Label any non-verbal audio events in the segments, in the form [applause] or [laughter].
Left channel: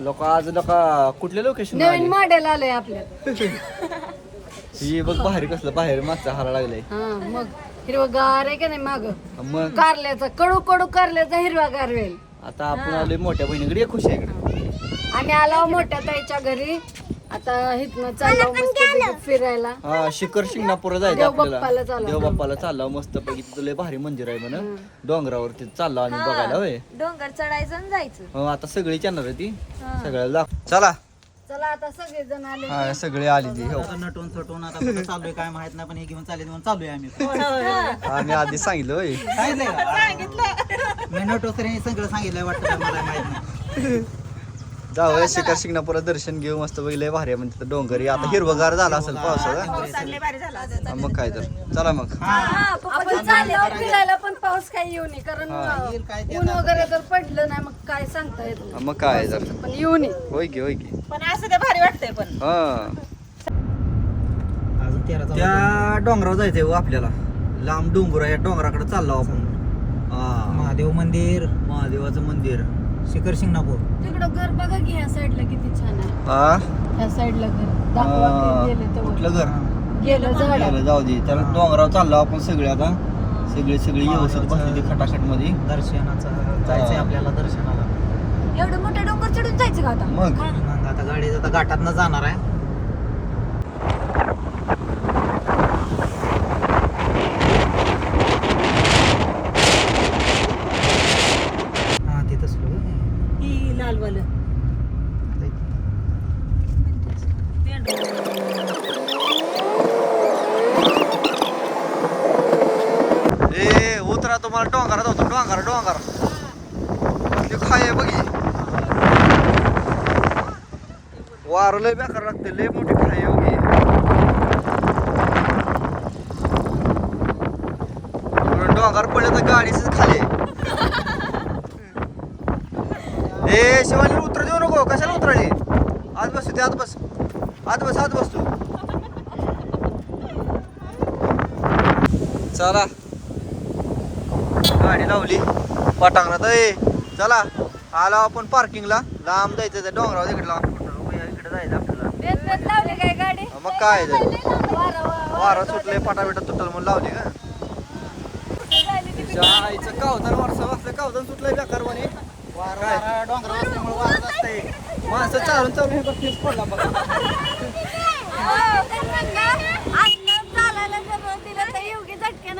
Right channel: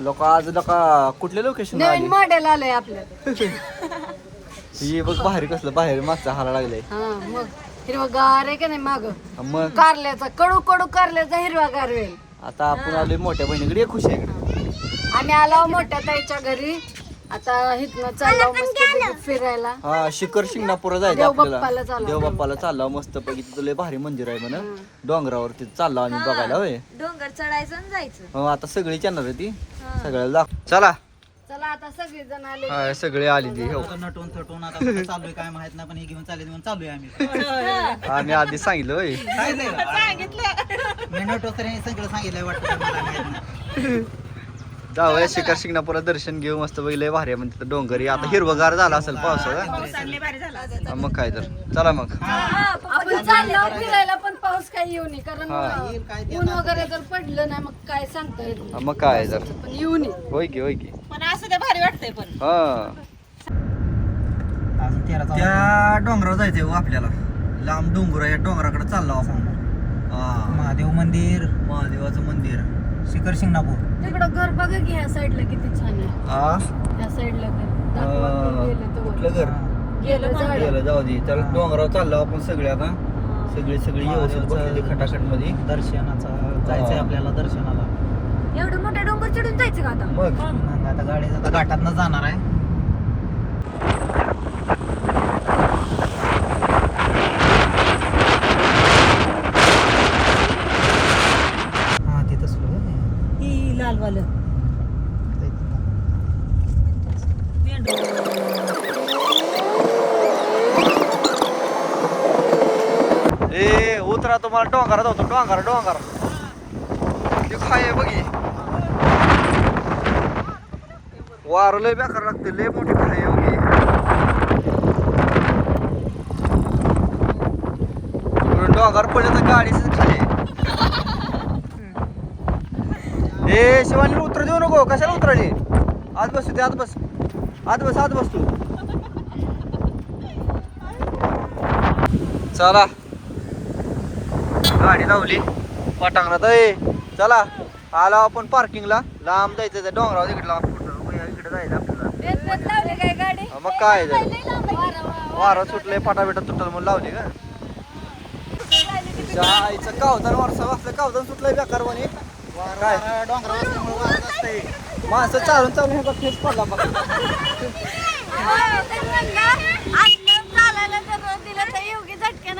लोक आज लोक कुठल्या लोकेशन नवीन मॉडेल आलंय आपल्यात. [laughs] ही बघ बाहेर कसलं बाहेर मागचा हाला लागलाय. हा मग. हिरवगार आहे का नाही माग? मग. कारल्याचा कडू कडू कारल्याचा हिरवा गारवेल आता आपण आलोय मोठ्या बहिणीकडे ये खुश आहे इकडे आम्ही आलो मोठ्या ताईच्या घरी. आता इथनं चाललो मस्त फिरायला. हा शिखर शिंगणापूर जायचं आपल्याला. चाललो. देवबाप्पाला चाललो मस्त पैकी. तिथं लय भारी मंदिर आहे म्हण. डोंगरावरती चाललो आम्ही बघायला होय. डोंगर चढायचं आणि जायचं. हो आता सगळी येणार आहे ती. सगळ्याला दाख चला. चला आता सगळे जण आले. हा सगळे आली ती हो. नटून थटून आता कुठं चाललोय काय माहीत नाही पण हे घेऊन चालेल म्हणून चाललोय आम्ही. आम्ही आधी सांगितलं होय. सांगितलं. मी नटो सर सगळं सांगितलंय वाटतं मला माहीत नाही. [laughs] जाऊया शिखर शिंगणापूरला दर्शन घेऊ मस्त लय भारी आहे म्हणजे डोंगरी. आता हिरवगार झाला असेल पावसाळा. मग काय तर. चला मग. आपण चाललो फिरायला पण पाऊस काही येऊ नये कारण हा. ऊन वगैरे जर पडलं नाही मग काय सांगता येत नाही. हा, मग काय तर. पण येऊ नये. होय की होय की. पण असं ते भारी वाटतंय पण. हा. अजून तेरा चौदा त्या डोंगरावर जायचंय हो आपल्याला. लांब डोंगर आहे डोंगराकडे चाललो आपण. हा. महादेव मंदिर. महादेवाचं मंदिर. शिखर शिंगणापूर. तिकडं घर बघा की ह्या साईडला किती छान आहे. हा ह्या साईडला घर. दाखवा. की गेलं कुठलं घर? गेलं झाड. गेलं जाऊ दे. त्याला डोंगरावर चाललो आपण सगळे आता. सगळे सगळे व्यवस्थित बसलेली खटाखटमध्ये दर्शनाचा जायचंय आपल्याला दर्शनाला. एवढं मोठं डोंगर चढून जायचं का आता? मग? मग आता गाडी आता घाटातनं जाणार आहे हा तिथं स्लो लालवालं उतरा तुम्हाला डोंगरात होतो डोंगर डोंगर. ते खाय बघी वार लय बेकार लागते लय मोठी खाय बघी डोंगर पडले तर गाडीच खाली [laughs] ए शिवानी उतर देऊ नको कशाला उतराली आत बसू ते आत बस. आत बस आत बस तू. चला. गाडी लावली. पटांगणात ए चला. आलो आपण पार्किंगला लांब जायचं त्या डोंगरावर तिकडला इकडे जायचं आपल्याला. बेत बेत लावली काय गाडी? हा, मग काय तर. वारा वा- वारा. सुटले फाटा बिटा तुटल म्हणून लावली का आईचं कावतान वरसा वाजता कावतान सुटलंय बेकार म्हणे. काय? माणसं चालून चालून फेस पडला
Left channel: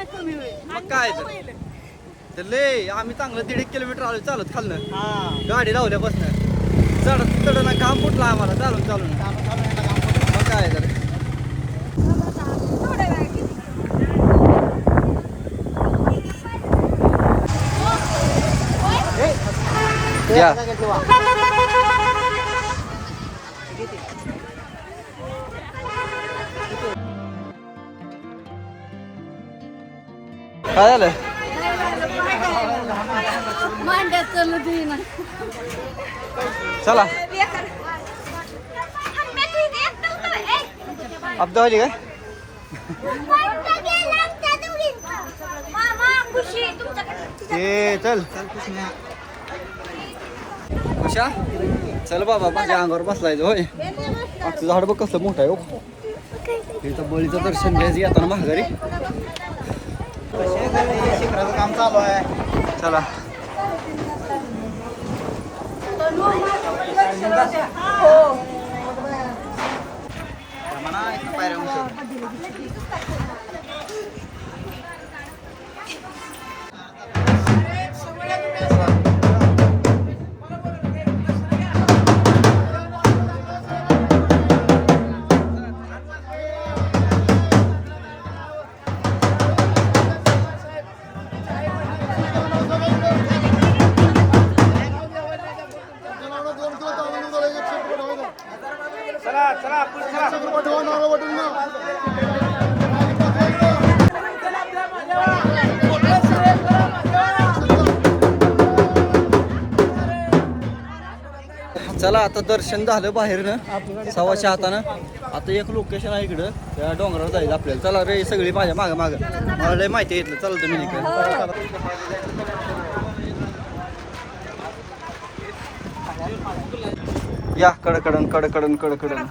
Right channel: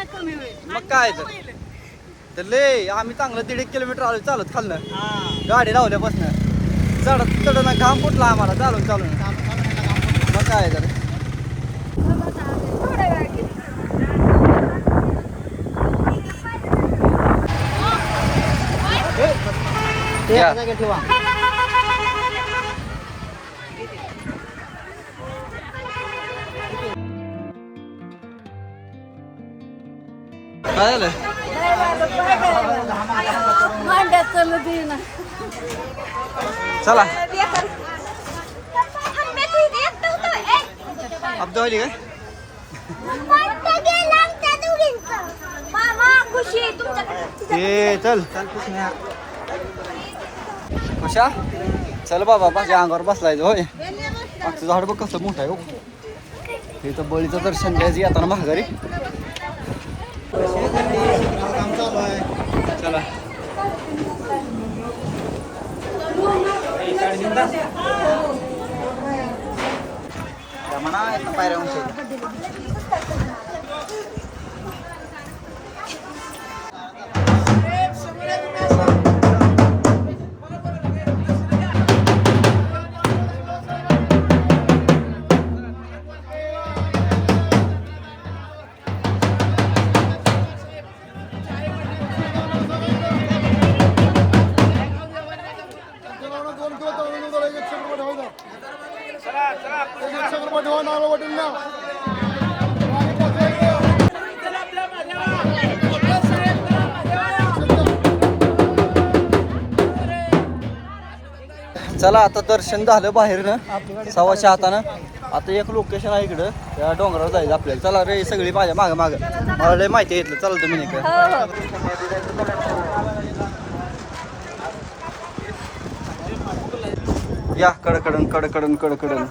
जर होईल. मग काय तर. तर लय आम्ही चांगलं दीड एक किलोमीटर आलो चालत खालनं. गाडी लावल्यापासनं. चढत चढणं घाम फुटला आम्हाला चालून चालून. मग काय तर घ्या काय झालं? चला. अब्दा वाली काय? ए चल. खुशा चल बाबा माझ्या अंगावर बसलायचं होय. आजचं झाड बघ कसं मोठं आहे हो. हे. तर बळीचं दर्शन घ्यायचं येताना महागारी काम चालू आहे चला. चला आता दर्शन झालं बाहेर ना सव्वाच्या हातानं. आता एक लोकेशन आहे इकडं त्या डोंगरावर जायचं आपल्याला. चला रे सगळी माझ्या मागं मागं. मला लय माहिती घेतलं चालतं चला तुम्ही नाही या कडकडन कडकडन कडकडन.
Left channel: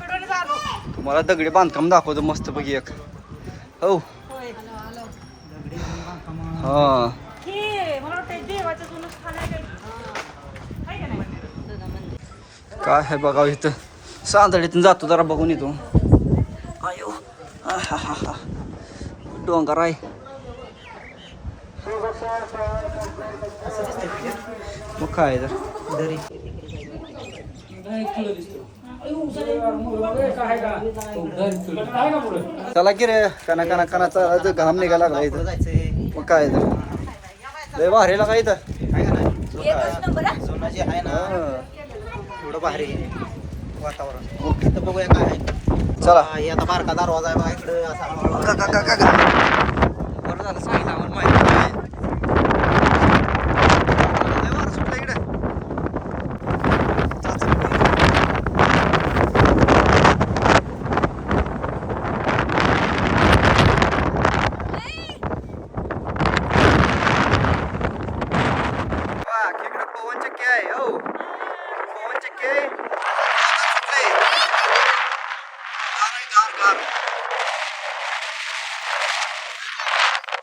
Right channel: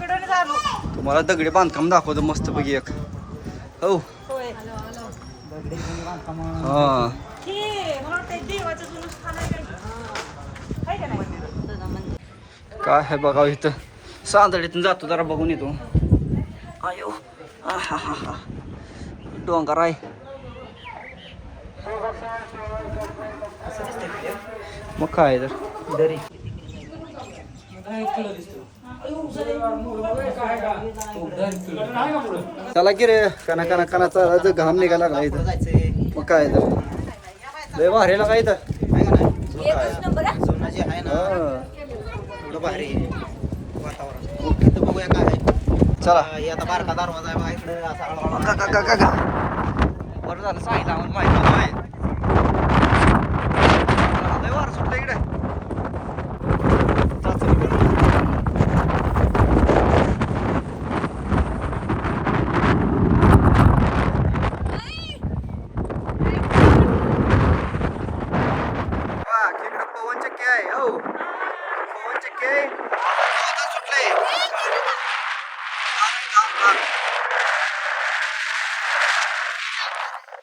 तुम्हाला दगडी बांधकाम दाखवतो मस्त पैकी एक. हो. हा. काय आहे बघा इथं? सांदडीतून जातो जरा बघून येतो. आयो. हा हा हा हा. डोंगर आहे. मग काय तर? दरी चला की रे कना कना कनाचा घाम निघायला लागला इथं. मग काय तर लय भारीला काय इथं? आहे का नाही? एकच नंबर हा? जुनं जे आहे ना हा. एवढं भारी आहे वातावरण ओके तर बघूया काय आहे. चला हा, हे आता बारका दरवाजा आहे बघा इकडं असा हळूहळू. का- का- का- का- का. बरं झालं सांगितलं आम्हाला माहिती नाही लय वारं सुटलं इकडे चल, चल. वा, इकडं पवन चक्की आहे हो पवन चक्की आहे सुटलंय. गार आहे, गार, गार.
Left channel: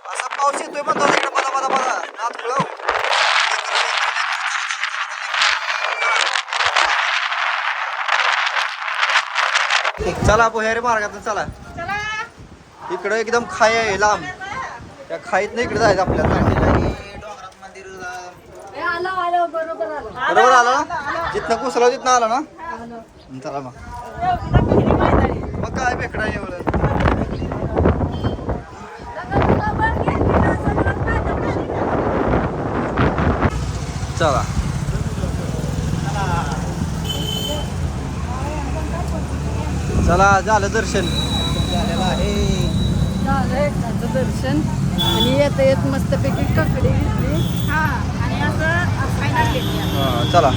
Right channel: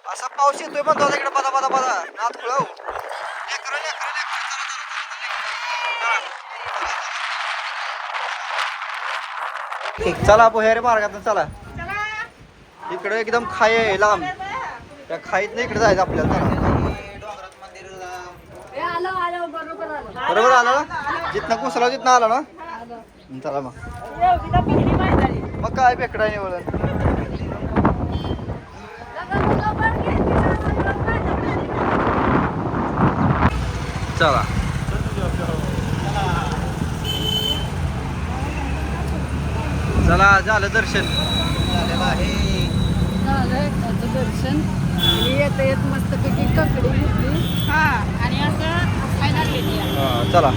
असा पाऊस येतोय पण तो तिकडे बदा बदा बदा नात खुळव. चला पोहेरे मार्गातून चला. इकडं एकदम खाई आहे लांब. त्या खाईत नाही इकडे जायचं आपल्याला. डोंगरात मंदिर बरोबर आला? ना जिथनं कुसला तिथनं आला ना? चला मग. मग काय बेकडा निवड चला. चला झालं दर्शन. झालेलं आहे झालं एकदाचं दर्शन. आणि येता येत मस्तपैकी कपडे घेतली. हा आणि असं खायला आहे. हा, चला.